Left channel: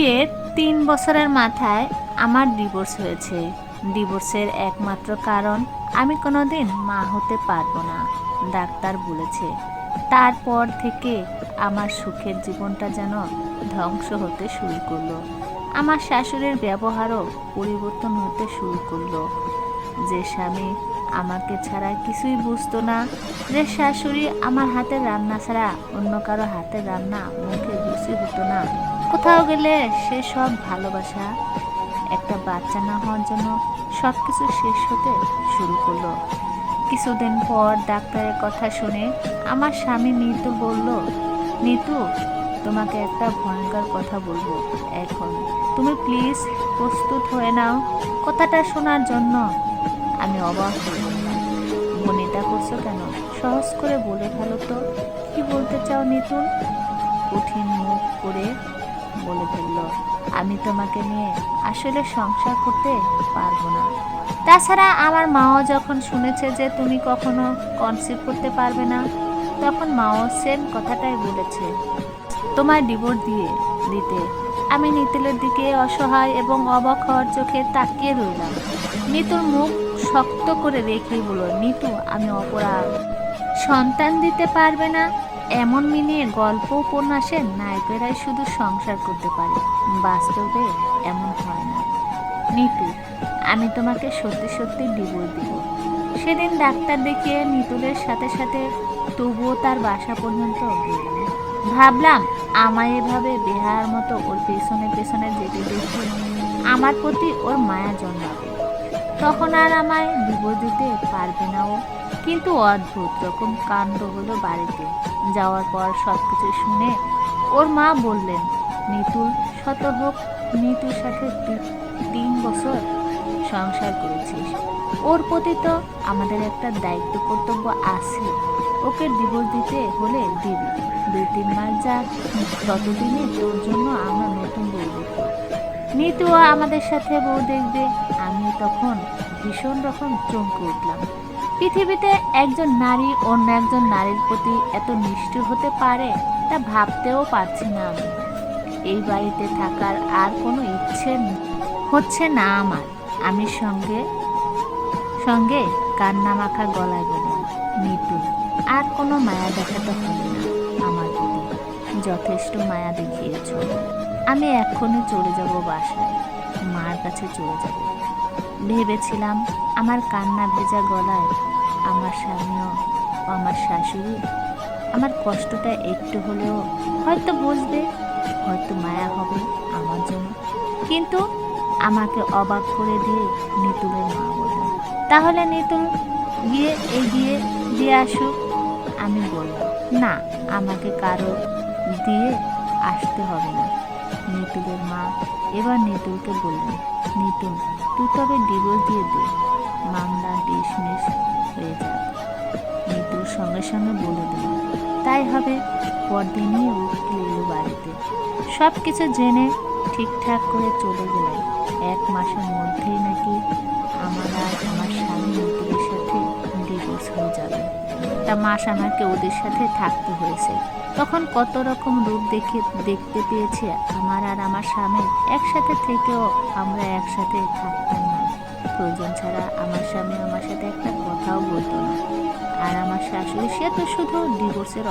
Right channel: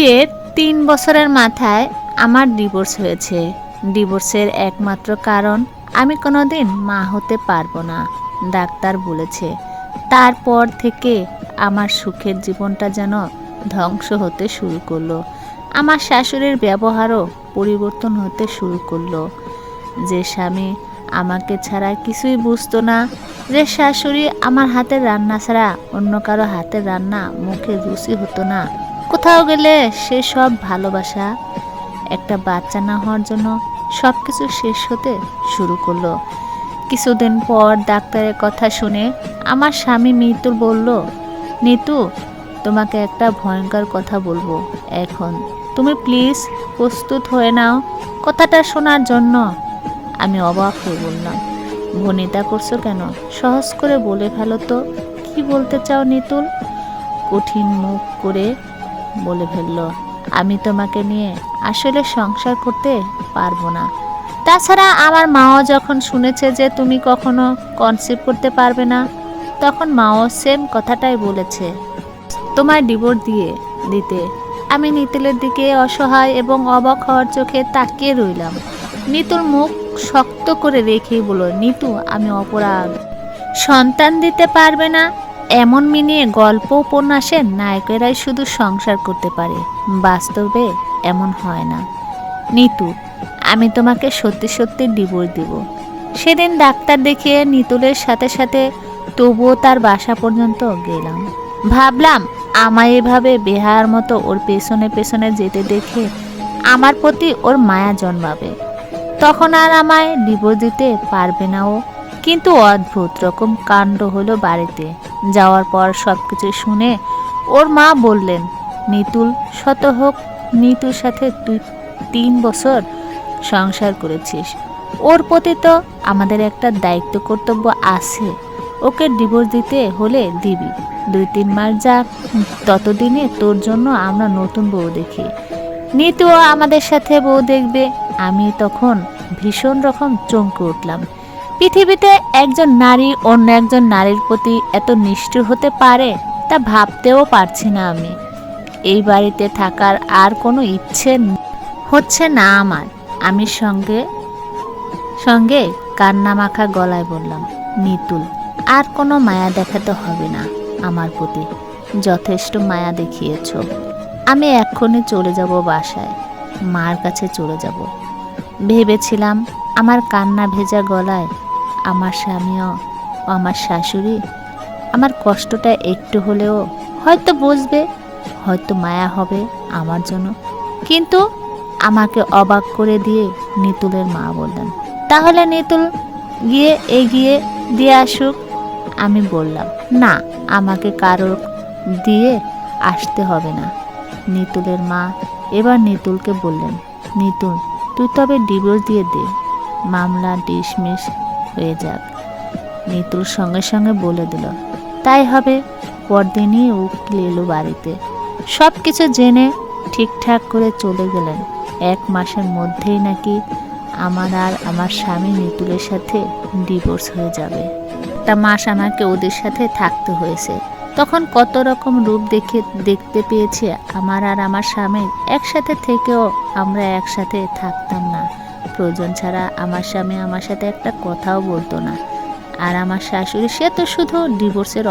বিয়ের ৩ বছরের মাথায় আমার ডিভোর্স হয়েছে। ডিভোর্সের একমাত্র কারণ আমি কোনোদিন মা হতে পারবো না, ডাক্তার বলেছে। তারপর থেকে আমার সুখের জীবনটা যেন ধ্বংস হতে শুরু করলো। আমার শাশুড়ির ব্যবহারও পরিবর্তন হতে শুরু করলো। যে স্বামী আমাকে ছাড়া কিছুই বুঝতো না, যে শাশুড়ি আমার হাতের রান্না ছাড়া অন্য কারো হাতের রান্না মুখে রুচি হতো না, কোথাও গেলে সে সব ভালোবাসা একটা বাচ্চা না হওয়ার জন্য সব কিছু শেষ হতে শুরু করলো। কিছুদিন পর ডাক্তারের কথা শুনে আমার স্বামী মিতুল বলল, নিতু, তোমাকে একটা ভয়ঙ্কর কথা বলবো এখন, তুমি প্লিজ প্রস্তুত হয়ে নাও কথাটা শোনার জন্য। আমি অবাক হয়ে বললাম, ভনিতা করছো কেন? সহজ করে বলে ফেলো তো, কি বলতে চাও নিতুল? কঠিন মুখ করে বলে ফেলল, আমি তোমাকে নিয়ে আসলে সংসার করতে পারবো না। তাছাড়া আমার মাও যখন শুনেছে যে তুমি কখনো কনসিভ করতে পারবে না, তখন মাও সেম কথাটাই বলেছে, তোমায় ডিভোর্স দিয়ে দিতে। আমি নিতুলের দিকে অসহায় এবং অবাক হওয়ার চোখে তাকিয়ে রইলাম। নিতুল মুখ শক্ত করে রেখেই বলল, নিতু, আমি অপরাধ। সন্তান দিতে পারবে না এমন মিনিয়ে গল্প উপন্যাসের নায়কেরাই শুধু সংসার করতে পারে, বাস্তবে এমন হয় না। নিতু, আমি তোমাকে সত্যি সত্যি ডিভোর্স দিব। সেদিন ডাক্তার দেখিয়ে নিতুলের সাথে সাথে তবুও তার বাসা পর্যন্ত গেলাম। ভাবলাম আমায় এভাবে বেহার মতো ওর পেছনে পেছনে যেতে দেখে আমার প্রতি ওর মায়া জন্মাবে, তখন আর আমায় ডিভোর্স দিতে পারবে না ও। কিন্তু অদ্ভুত রকম কাণ্ড হলো বাড়িতে যাওয়ার পর। সব কিছু শুনে ওর মা বললেন, নিতুল শত হোক, নিতুর সাথে তুই ৩ বছর সংসার করেছিস, ওর প্রতি তো আমাদের একটা দায়িত্ব কর্তব্য আছে। ওকে ডিভোর্স দিতে হলে দিবি, ২-৩ মাস যাক, ততদিনে তোর জন্য আমরা নতুন বউ দেখি। নিতুও আমাদের সাথে বউ দেখবে। আমি তখন ভীষণ রকম চমকে উঠলাম। পৃথিবীতে একজন নারী অন্য একজন নারীর প্রতি এত নিষ্ঠুর হতে পারে তা ভাবতেও পারছি না আমি। এই বাড়িতে থাকার আর কোনো ইচ্ছে হচ্ছে না আমার। আমি সঙ্গে সঙ্গে কান্না মাখা গলায় বললাম, নিতুল, আর কোনো মায়া দেখাতে হবে না আমার প্রতি, যথেষ্ট মায়া দেখিয়েছ। আমি এক্ষুনি চলে যাব বাসায়, মার কাছে চলে যাব। ভেবেছিলাম আমার কান্না ভেজা গলায় আমার স্বামীও আমার শাশুড়ি আমার কষ্টটা একটু হলেও হয়তো বুঝবে, হয়তো মায়া হবে আমার জন্য। কিন্তু আমাকে অবাক করে দিয়ে নিতুলের মা বললেন, তাহলে নিতুল গিয়ে এগিয়ে দিয়ে আসুক। আমি বললাম, না, আমাকে কারো দিয়ে আসতে হবে না। নিতুলের মা এবার নিতুলকে বললেন, নিতুল, তুই তবে ডিভোর্স দিয়ে দে, মামলা ডিসমিস হয়ে যাক। নিতুল সঙ্গে সঙ্গে বলে দিল, তাই হবে। পরদিনই উকিল এলো বাড়িতে, সব কিছু জেনে ঠিকঠাক করে চলে গেলেন। ১ মাসের মধ্যেই নাকি আমার আর আমার স্বামী নিতুলের সাথে ডিভোর্স হয়ে যাবে। একটা মাস আমাকে ওদের সাথে থাকতে হয়েছে। তখন কত রকম রূপ দেখতে পেয়েছি আমার আর আমার স্বামীর। একসাথে থেকেও আমরা একসাথে থাকতাম না। প্রয়োজন ছাড়া আমার স্বামী আমার সাথে একটা কথাও বলতো না। আর আমার শাশুড়ি, সে তো শুধু ডিভোর্সের